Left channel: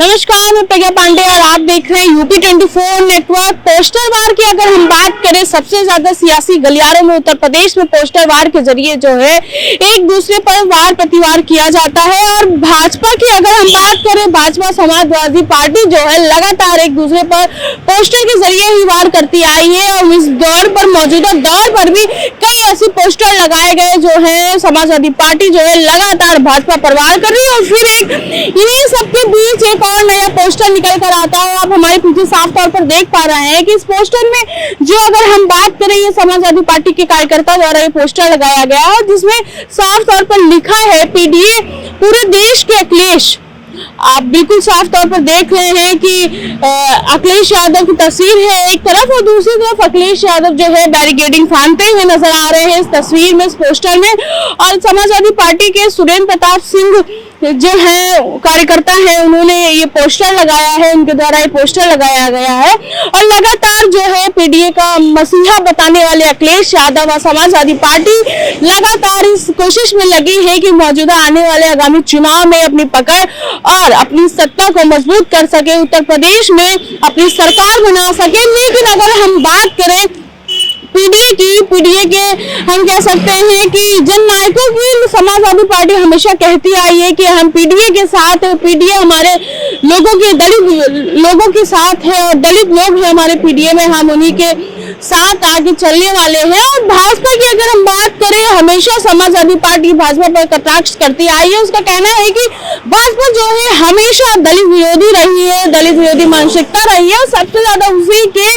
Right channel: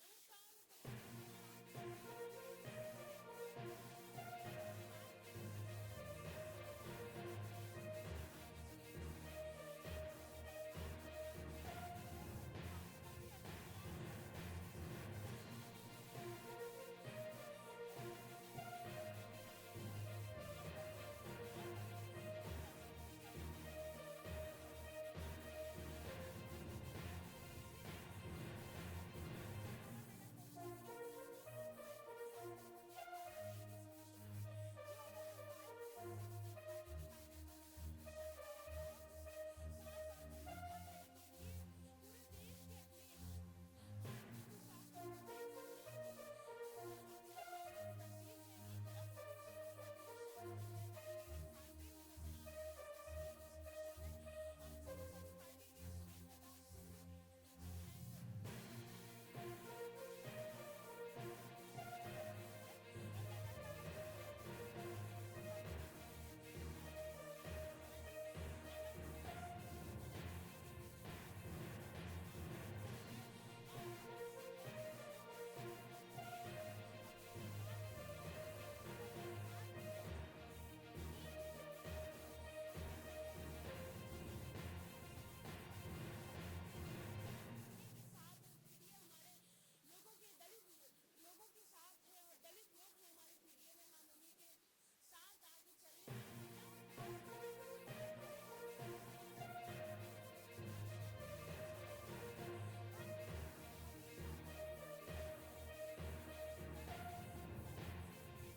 नमस्कार, मैं प्रज्ञा पांडे और आप देख रहे हैं यूपी 24 नेटवर्क। पोस्टर वार की अगर हम बात करें, सबसे ज्यादा सियासी गलियारों में उत्तर प्रदेश में पोस्टर वार के जरिए जो है एक दूसरे पर वार प्रतिवार किया जाता है। और भाजपा की अगर हम बात करें, भाजपा समाजवादी पार्टी जो है लगातार एक दूसरे पर पोस्टर के जरिए ही वार करती आई है। और इस दौर पर, मौजूदा दौर पर भी कई ऐसे पोस्टर लगाए गए जो है समाजवादी पार्टी जो है लगातार भाजपा पर वार कर रही है। और फिर इन्हीं सबके बीच एक और नया पोस्टर निकल कर आता है। आप हमारे पीछे साफ तौर पर देख पा रहे हैं कि इस पोस्टर में जो अगर हम बात करें, ये समाजवादी पार्टी के कार्यकर्ता द्वारा ये पोस्टर लगाया गया है, जिसमें साफ तौर पर लिखा है पीडीए पूरे देश के अखिलेश। आप बिल्कुल साफ तौर पर देख रहे हैं कि अखिलेश यादव की तस्वीर है एक तरफ, और दूसरी तरफ अखिलेश यादव जो है बैरिकेडिंग फांदते हुए नजर आ रहे हैं इस तस्वीर में, इस पोस्टर में। और समाजवादी पार्टी के सुरेंद्र प्रताप सिंह जो है कार्यकर्ता है, उन्होंने ये पोस्टर लगाया है, उनके द्वारा ये पोस्टर लगाया गया है। और लगातार जो है पीडीए का मसीहा बताने वाले अखिलेश यादव और समाजवादी पार्टी लगातार इस कोशिश में लगी है कि मौजूदा आने वाले आगामी चुनाव में अपनी पकड़ और अपनी सत्ता को मजबूत कर सके, उत्तर प्रदेश में अपनी सरकार बना सके। लेकिन अगर हम बात करें पीडीए के हम कह सकते हैं कि जननायकों की समाजवादी पार्टी हमेशा कहती आई है कि हम पीडीए के साथ है, पीडीए हमारे लोगों के, दलित लोगों के साथ है और दलित लोग हैं हमारे पीडीए में, हम उन्हीं के साथ आगे चलने वाले हैं। और भाजपा की अगर हम बात करें, हमेशा समाजवादी पार्टी भाजपा पर कटाक्ष करती आई है। उसका कहना है कि भाजपा जो है हमेशा दलित विरोधी रही है, दलित विरोधी मानसिकता रही है। और सबसे ज्यादा उसी के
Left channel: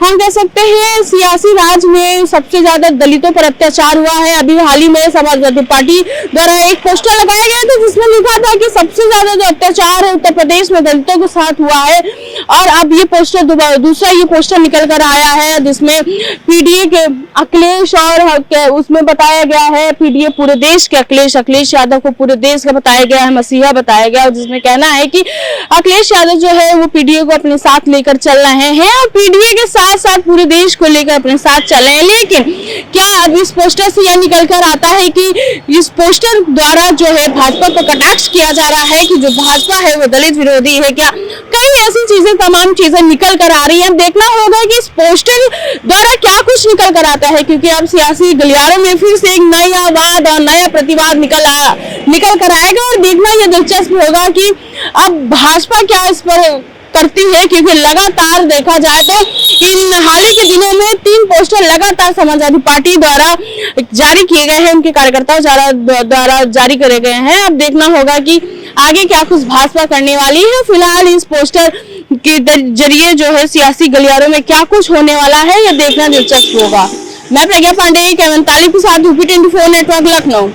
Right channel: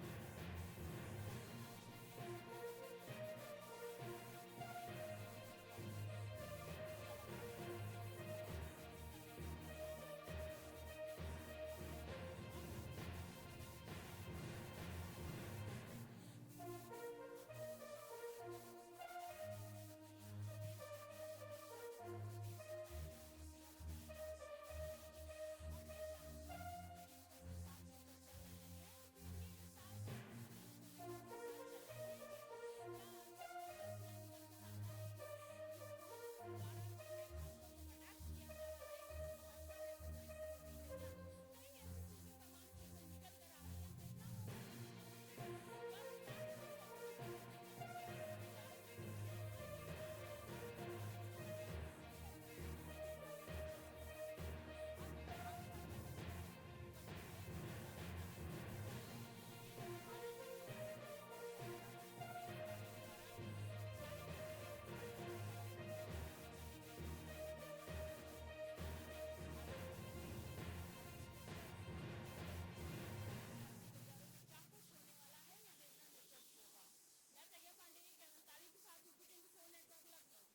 हम कह सकते हैं सियासी राज में सबसे ज्यादा दलितों पर अत्याचार हुआ है। अभी हाल ही में समाजवादी पार्टी द्वारा एक पोस्टर लगाया गया था जिसमें लिखा था कि सबसे ज्यादा जो अत्याचार है उत्तर प्रदेश में दलितों के साथ हुआ है। और अब ये पोस्टर दूसरा ये पोस्टर निकल कर आया है जिसमें पीडीए के अखिलेश और उसमें बताया गया है पीडीए पूरे देश के अखिलेश यादव को पूरे देश का बताया गया है, मसीहा बताया गया। और जिसमें कहना है कि अखिलेश यादव जो है वो पीडीए को अपने साथ लेकर चल रहे हैं और पीडीए के साथ साथ पूरे देश को लेकर अपने साथ चल रहे हैं। लेकिन क्या अब इस पोस्टर से यह निकल कर आता है कि इस पोस्टर द्वारा जो है भाजपा को कटाक्ष किया जा रहा है कि जो भाजपा है वो दलित विरोधी है? क्या कई ऐसी चीजें, तमाम चीजें निकल कर आ रही है। अब देखना होगा कि इस पोस्टर द्वारा क्या कुछ निकल कर आता है, क्योंकि अब सियासी गलियारों में फिर से एक नया वाद और नया प्रतिवाद निकल कर आएगा। और देखना यह दिलचस्प होगा कि अब भाजपा क्या इस पर करती है, क्योंकि लगातार देखा जाए तो इन हाल ही के दिनों में 3 पोस्टर लगातार समाजवादी पार्टी द्वारा जारी किए गए हैं, उनके कार्यकर्ताओं द्वारा जारी करे गए हैं। अब देखना होगा कि आगे क्या कुछ भाजपा करने वाली है। फिलहाल इस पोस्टर के जरिए जो है सियासी गलियारों में क्या कुछ होने वाला है, यह देखना दिलचस्प होगा। मैं प्रज्ञा पांडे, कैमन तालिब के साथ यूपी 24 नेटवर्क, लखनऊ।